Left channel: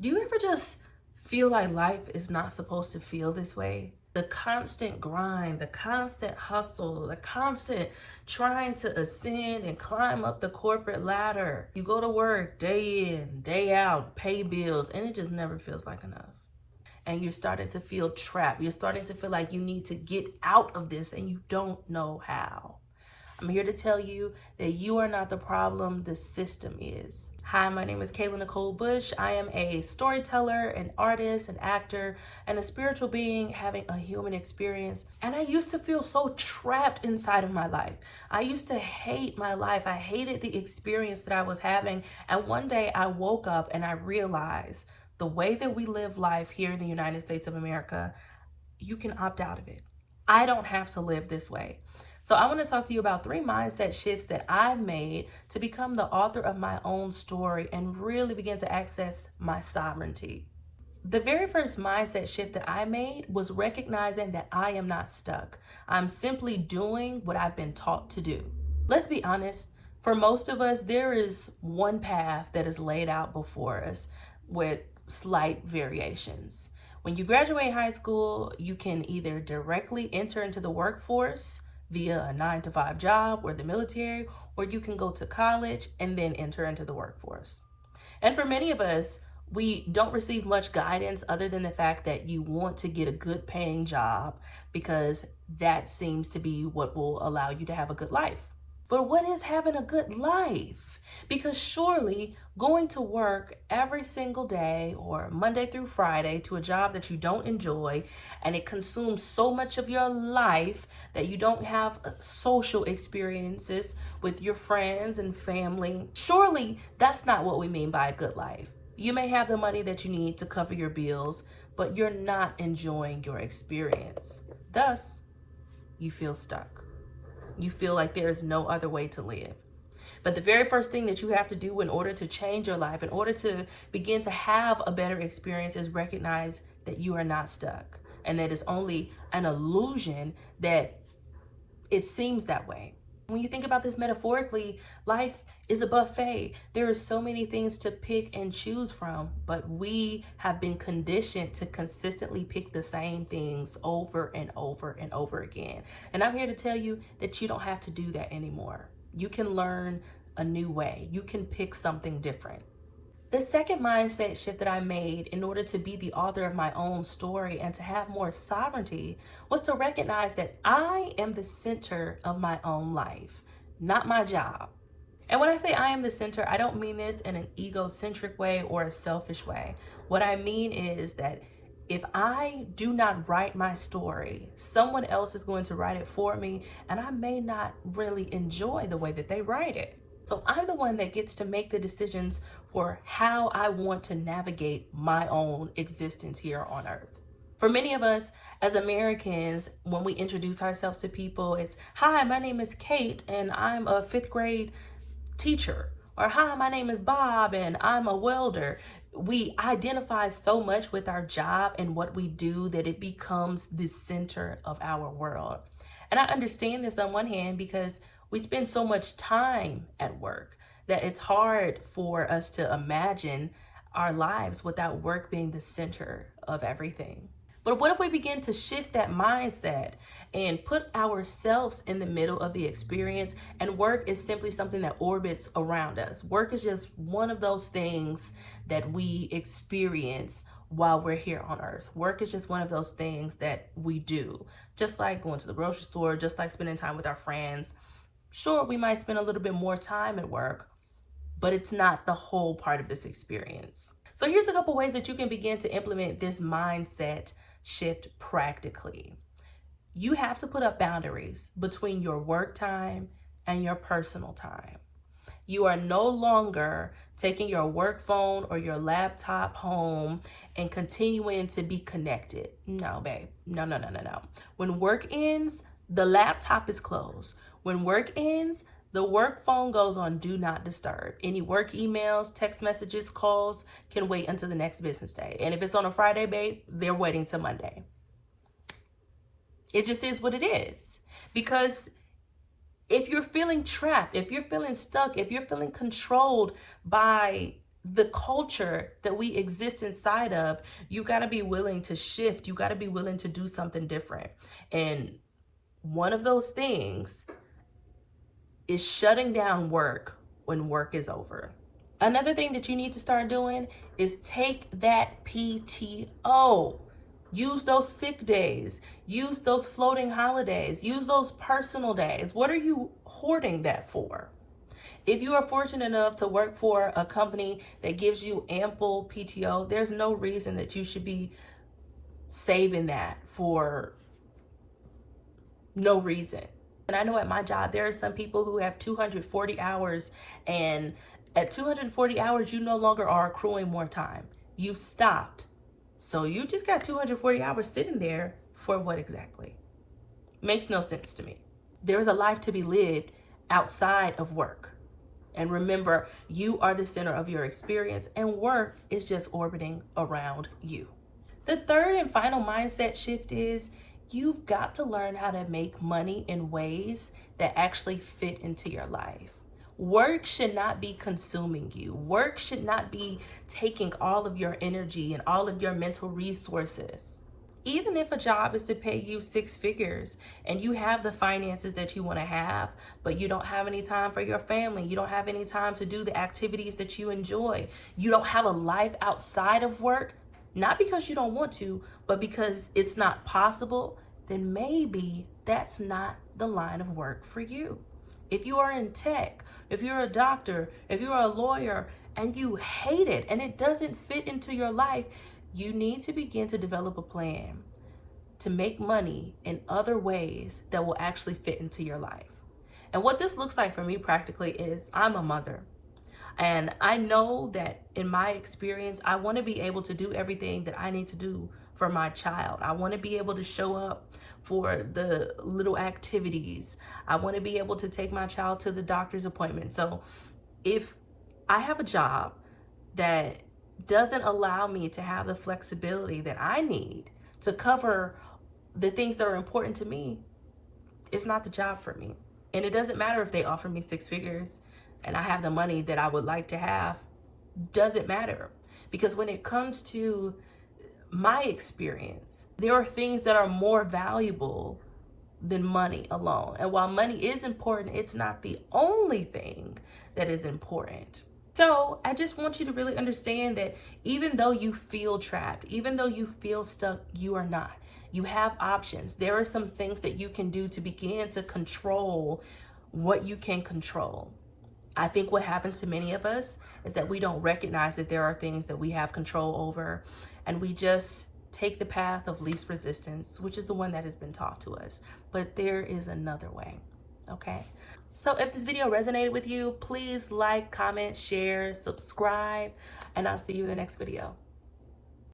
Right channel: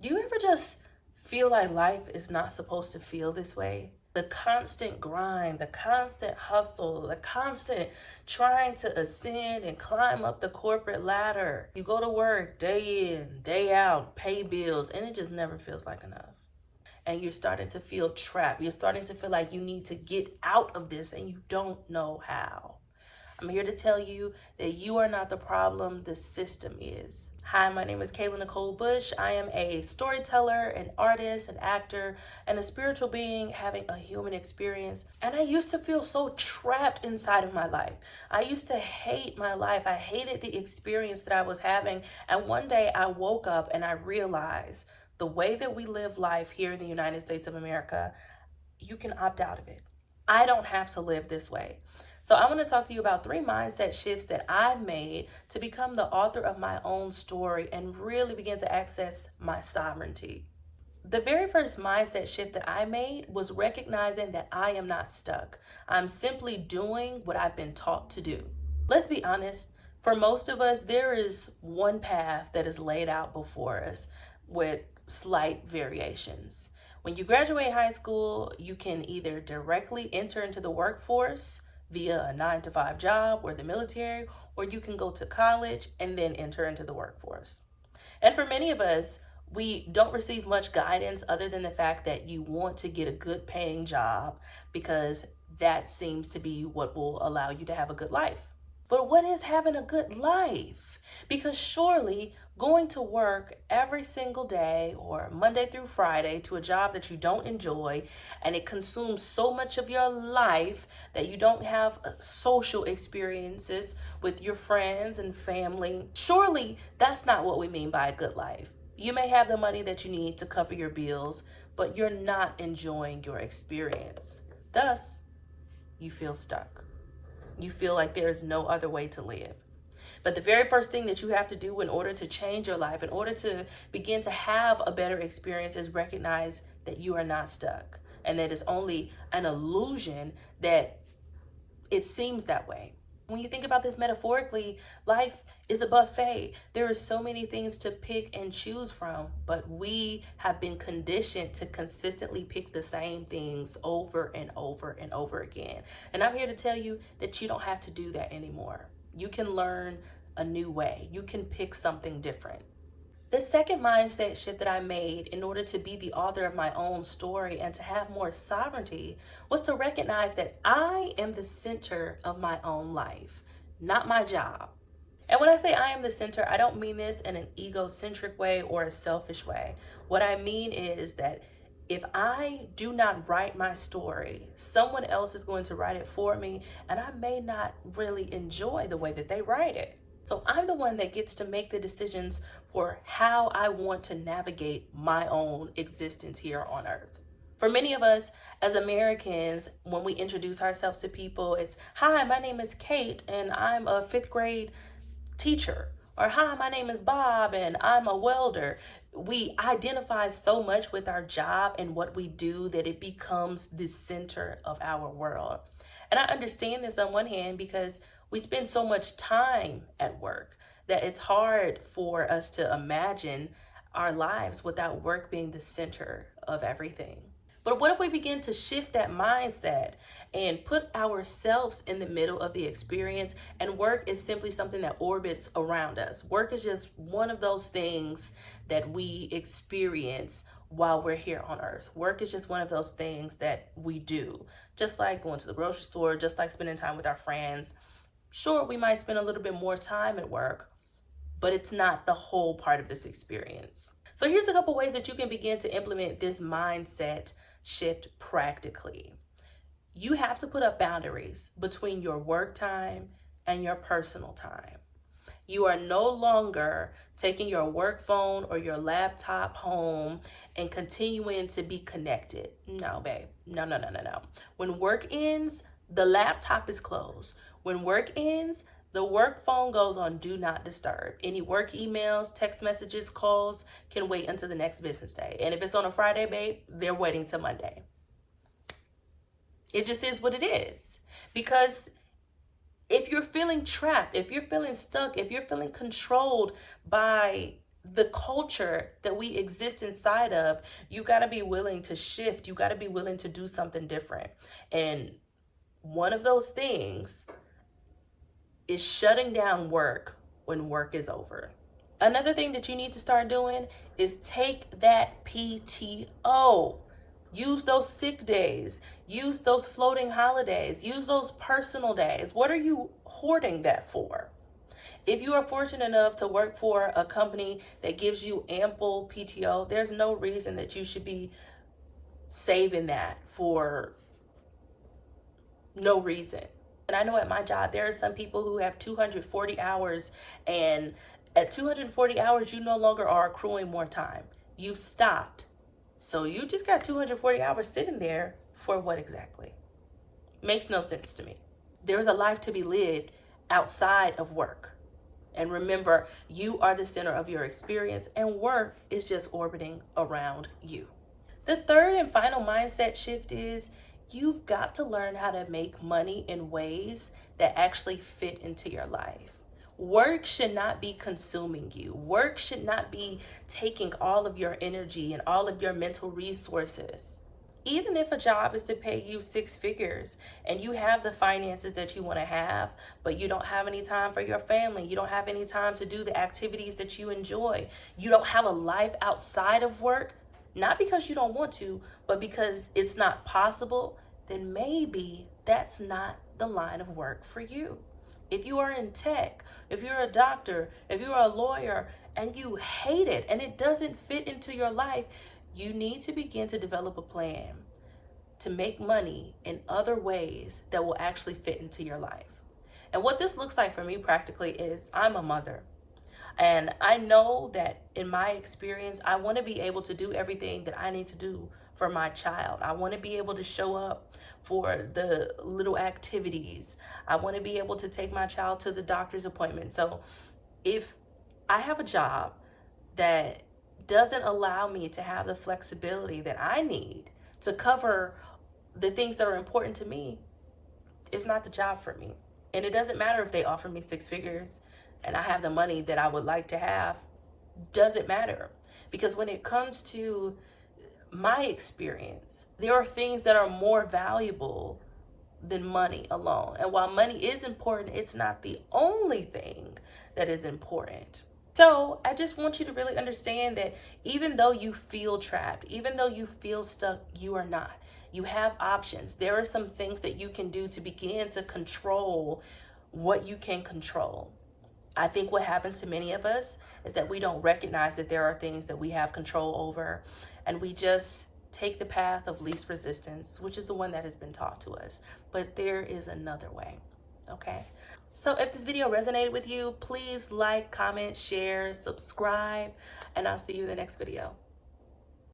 Do you ever just feel like life is not supposed to feel this way? The constant grind, the constant hustle, the constant trying to ascend and climb up the corporate ladder. You go to work day in, day out, pay bills, and it just never feels like enough. And you're starting to feel trapped. You're starting to feel like you need to get out of this and you don't know how. I'm here to tell you that you are not the problem, the system is. Hi, my name is Kayla Nicole Bush. I am a storyteller, an artist, an actor, and a spiritual being having a human experience. And I used to feel so trapped inside of my life. I used to hate my life. I hated the experience that I was having. And one day I woke up and I realized the way that we live life here in the United States of America, you can opt out of it. I don't have to live this way. So I want to talk to you about 3 mindset shifts that I've made to become the author of my own story and really begin to access my sovereignty. The very first mindset shift that I made was recognizing that I am not stuck. I'm simply doing what I've been taught to do. Let's be honest, for most of us, there is one path that is laid out before us with slight variations. When you graduate high school, you can either directly enter into the workforce via a 9 to 5 job or the military, or you can go to college and then enter into the workforce. And for many of us, we don't receive much guidance other than the fact that you want to get a good paying job because that seems to be what will allow you to have a good life. But what is having a good life? Because surely going to work every single day or Monday through Friday to a job that you don't enjoy and it consumes so much of your life that you don't have social experiences with your friends and family, surely that's not what we mean by a good life. You may have the money that you need to cover your bills, but you're not enjoying your experience. Thus, you feel stuck. You feel like there is no other way to live. But the very first thing that you have to do in order to change your life, in order to begin to have a better experience, is recognize that you are not stuck and that it's only an illusion that it seems that way. When you think about this metaphorically, life is a buffet. There are so many things to pick and choose from, but we have been conditioned to consistently pick the same things over and over and over again. And I'm here to tell you that you don't have to do that anymore. You can learn a new way. You can pick something different. The second mindset shift that I made in order to be the author of my own story and to have more sovereignty was to recognize that I am the center of my own life, not my job. And when I say I am the center, I don't mean this in an egocentric way or a selfish way. What I mean is that if I do not write my story, someone else is going to write it for me, and I may not really enjoy the way that they write it. So I'm the one that gets to make the decisions for how I want to navigate my own existence here on earth. For many of us as Americans, when we introduce ourselves to people, it's, "Hi, my name is Kate and I'm a 5th grade teacher." Or, "Hi, my name is Bob and I'm a welder." We identify so much with our job and what we do that it becomes the center of our world. And I understand this on one hand because we spend so much time at work that it's hard for us to imagine our lives without work being the center of everything. But what if we begin to shift that mindset and put ourselves in the middle of the experience, and work is simply something that orbits around us? Work is just one of those things that we experience while we're here on earth. Work is just one of those things that we do, just like going to the grocery store, just like spending time with our friends. Sure, we might spend a little bit more time at work, but it's not the whole part of this experience. So here's a couple ways that you can begin to implement this mindset shift practically. You have to put up boundaries between your work time and your personal time. You are no longer taking your work phone or your laptop home and continuing to be connected. No, babe. No, no, no, no, no. When work ends, the laptop is closed. When work ends, the work phone goes on do not disturb. Any work emails, text messages, calls can wait until the next business day. And if it's on a Friday, babe, they're waiting till Monday. It just is what it is. Because if you're feeling trapped, if you're feeling stuck, if you're feeling controlled by the culture that we exist inside of, you got to be willing to shift. You got to be willing to do something different. And one of those things is shutting down work when work is over. Another thing that you need to start doing is take that PTO. Use those sick days. Use those floating holidays. Use those personal days. What are you hoarding that for? If you are fortunate enough to work for a company that gives you ample PTO, there's no reason that you should be saving that for no reason. And I know at my job, there are some people who have 240 hours, and at 240 hours, you no longer are accruing more time. You've stopped. So you just got 240 hours sitting there for what exactly? Makes no sense to me. There's a life to be lived outside of work. And remember, you are the center of your experience, and work is just orbiting around you. The third and final mindset shift is you've got to learn how to make money in ways that actually fit into your life. Work should not be consuming you. Work should not be taking all of your energy and all of your mental resources. Even if a job is to pay you 6 figures and you have the finances that you want to have, but you don't have any time for your family, you don't have any time to do the activities that you enjoy, you don't have a life outside of work, not because you don't want to, but because it's not possible, then maybe that's not the line of work for you. If you are in tech, if you're a doctor, if you're a lawyer, and you hate it and it doesn't fit into your life, you need to begin to develop a plan to make money in other ways that will actually fit into your life. And what this looks like for me practically is I'm a mother. And I know that in my experience, I want to be able to do everything that I need to do for my child. I want to be able to show up for the little activities. I want to be able to take my child to the doctor's appointment. So if I have a job that doesn't allow me to have the flexibility that I need to cover the things that are important to me, it's not the job for me. And it doesn't matter if they offer me 6 figures and I have the money that I would like to have. Doesn't matter. Because when it comes to my experience, there are things that are more valuable than money alone. And while money is important, it's not the only thing that is important. So I just want you to really understand that even though you feel trapped, even though you feel stuck, you are not. You have options. There are some things that you can do to begin to control what you can control. I think what happens to many of us is that we don't recognize that there are things that we have control over, and we just take the path of least resistance, which is the one that has been taught to us. But there is another way, okay? So if this video resonated with you, please like, comment, share, subscribe, and I'll see you in the next video.